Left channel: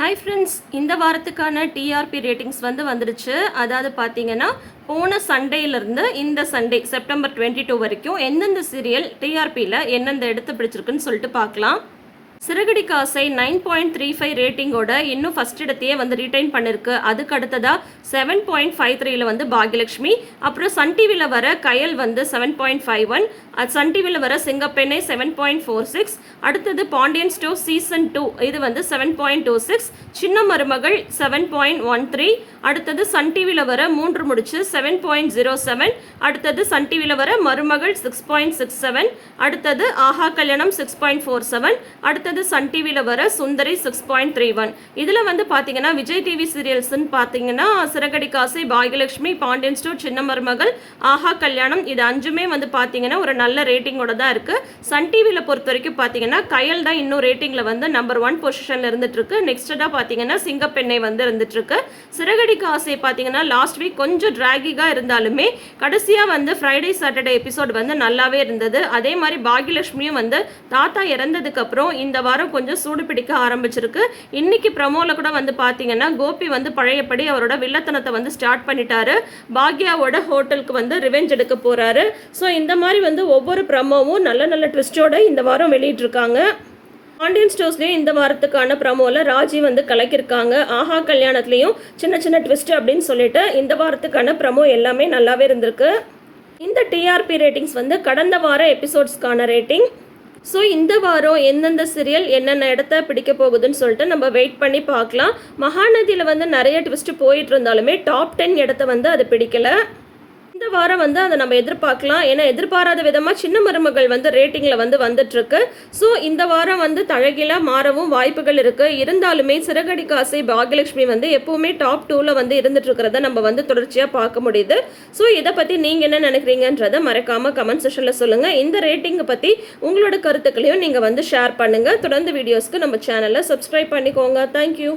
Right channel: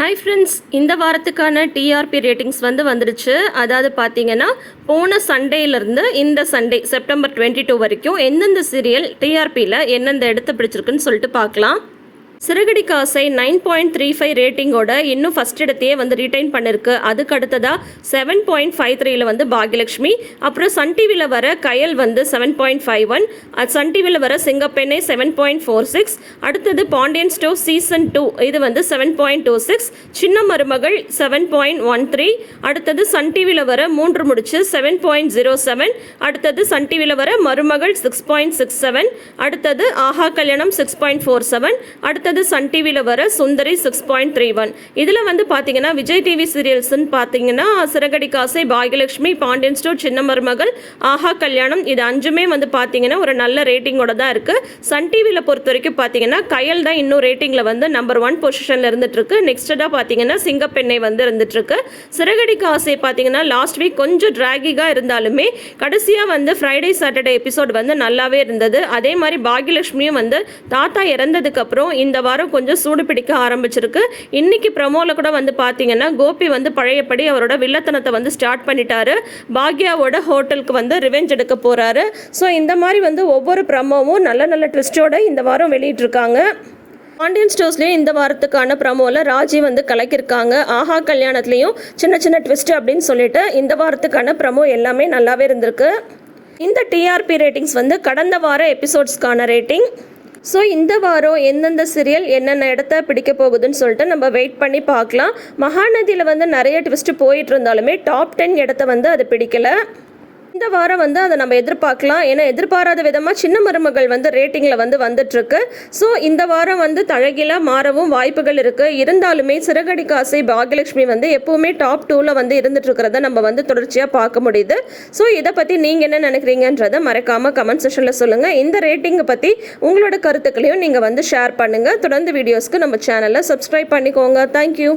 Hi friends இந்த வாரத்துக்கான TRP ratings வந்து வந்துடுச்சு. அதாவது பார்த்தீங்கன்னா போன சண்டேலேருந்து இந்த சண்டே செப்டம்பர் டுவெண்ட்டி டூ வரைக்கும் எந்தெந்த சீரியல் டிஆர்பியில் எந்தெந்த இடத்த பிடிச்சிருக்குன்னு சொல்லிட்டு பார்க்கலாம். சிறுகடி காசை நைன் பாயிண்ட் த்ரீ ஃபைவ் ரேட்டிங்கோட இன்னும் ஃபஸ்ட் இடத்தையே வந்து ரிட்டைன் பண்ணிருக்கு. அதுக்கு அடுத்ததாக செவன் பாயிண்ட் ஃபைவ் த்ரீல வந்து பாகியலட்சுமி. அப்புறம் சன் டிவியில் வர கயல் வந்து seven point five one Sun டிவியில் வர Singappenne seven point four six அடுத்தது பாண்டியன் ஸ்டோ சீசன் டூ இது வந்து seven point two six Chinna Marumagal seven point one three அடுத்தது சன் டிவியில் வர Moondru Mudichu seven point zero seven அடுத்தது சன் டிவியில் வர மருமகள் சிக்ஸ் பாயிண்ட் சிக்ஸ் செவன் அடுத்தது Aaha Kalyanam six point four seven அடுத்தது சன் டிவியில் வர Sundari six point three one இதில் வந்து பார்த்தீங்கன்னா விஜய் டிவி சீரியல்ஸ்னு பார்த்தீங்கன்னா சிறகடி காசை பாகியலட்சுமி பாண்டியன் ஸ்டோர் சின்ன மருமகள் ஆஹா கல்யாணம் இது அஞ்சுமே வந்து பார்த்தீங்கன்னா ஒரு நல்ல ரேட்டிங்கோட தான் இருக்குது சன் டிவியில் பொறுத்த வரைக்கும் பார்த்தீங்கன்னா கயல் தான் இன்னும் ரேட்டிங்கில் வந்து நம்பர் ஒன் பொசிஷனில் இருந்துட்டுருக்கு நெக்ஸ்ட்டாக பார்த்தீங்கன்னா சிங்கப்பெண்ணை வந்து இருந்துட்டுருக்கு சிறகடி காசை பார்த்தீங்கன்னா லாஸ்ட் வீக் கொஞ்சம் ட்ராகிகாக இருந்தாலுமே கடைசியாக வந்து ஃப்ரைடே சாட்டர்டே எபிசோட் வந்து நல்லாவே இருந்தது. அதே மாதிரி பாகியலட்சுமியும் வந்து தாத்தா இறந்ததுக்கப்புறம் இந்த இந்த வாரம் கொஞ்சம் சூடு பிடிக்க ஆரம்பிச்சிருக்கு. இன்னைக்கு ப்ரமோவில் கூட வந்து பார்த்தீங்கன்னா கோபி வந்து பழையபடி அவரோட வில்லத்தனத்தை வந்து ஸ்டார்ட் பண்ணிட்டாரு. பாக்யாவோட ஹோட்டலுக்கு வந்து ரிவெஞ்ச் எடுக்க போகிறாரு ஸோ இந்த மாதிரி வந்து ஒவ்வொரு ப்ரமோவும் நல்ல நல்ல ட்விஸ்டோட இந்த வாரம் வெளியிட்டிருக்காங்க. பாண்டியன் ஸ்டோர்ஸ்லேயும் இந்த வாரத்துக்கான ப்ரமோவில் ராஜி வந்து கலக்கியிருக்காங்க. ஆஹா கல்யாணத்துலேயும் சின்ன சின்ன ட்விஸ்ட் அப்படின்னு சொல்லிட்டு இந்த வாரத்துக்கான ப்ரமோ எல்லாமே நல்லாவே இருந்திருக்கு. இந்த டிஆர்பி ரேட்டிங்ஸ் வந்து கடந்த வார எபிசோட்ஸ்க்கான ரேட்டிங் ஸோ இந்த வாரம் எந்தெந்த சீரியல் என்னென்ன இடத்த பிடிக்க போகுதுன்னு சொல்லிட்டு நம்ம வெயிட் பண்ணி பார்க்கலாம். மகாநதியில் வந்து நிறைய ட்விஸ்ட் போயிட்டு இருந்தாலுமே டாப் டென் இடத்த வந்து அது பிடிக்கல. இந்த வாரம் வந்து அதை நம்ம எதிர்பார்க்கலாம். ஏன்னா எதிர்பாராத விதமாக சின்ன மருமகள் வந்து ரேட்டிங்கில் வந்து வந்துட்டுருக்கு. ஸோ இந்த வாரம் வந்து தழகிலாக மாறவும் வாய்ப்புகள் இருக்குது இருந்தாலுமே சிறகடி காசை பாகியலட்சுமி வந்து எப்போவுமே டாப் டூவில் வந்து இருந்துட்டுருக்கிறத நம்ம வந்து தொடர்ச்சியாக பார்க்க முடியுது. ஸோ இதை பற்றி நீங்கள் என்ன நினைக்கிறீங்கன்றதை மறக்காமல் கமெண்ட் செஷனில் சொல்லுங்கள் இந்த ரேட்டிங்கை பற்றி உங்களோட கருத்துக்களையும் நீங்கள் வந்து ஷேர் பண்ணுங்கள் தொடர்ந்து வீடியோஸ்க்கு நம்ம சேனலை சப்ஸ்கிரைப் பண்ணிக்கோங்க. தேங்க்யூ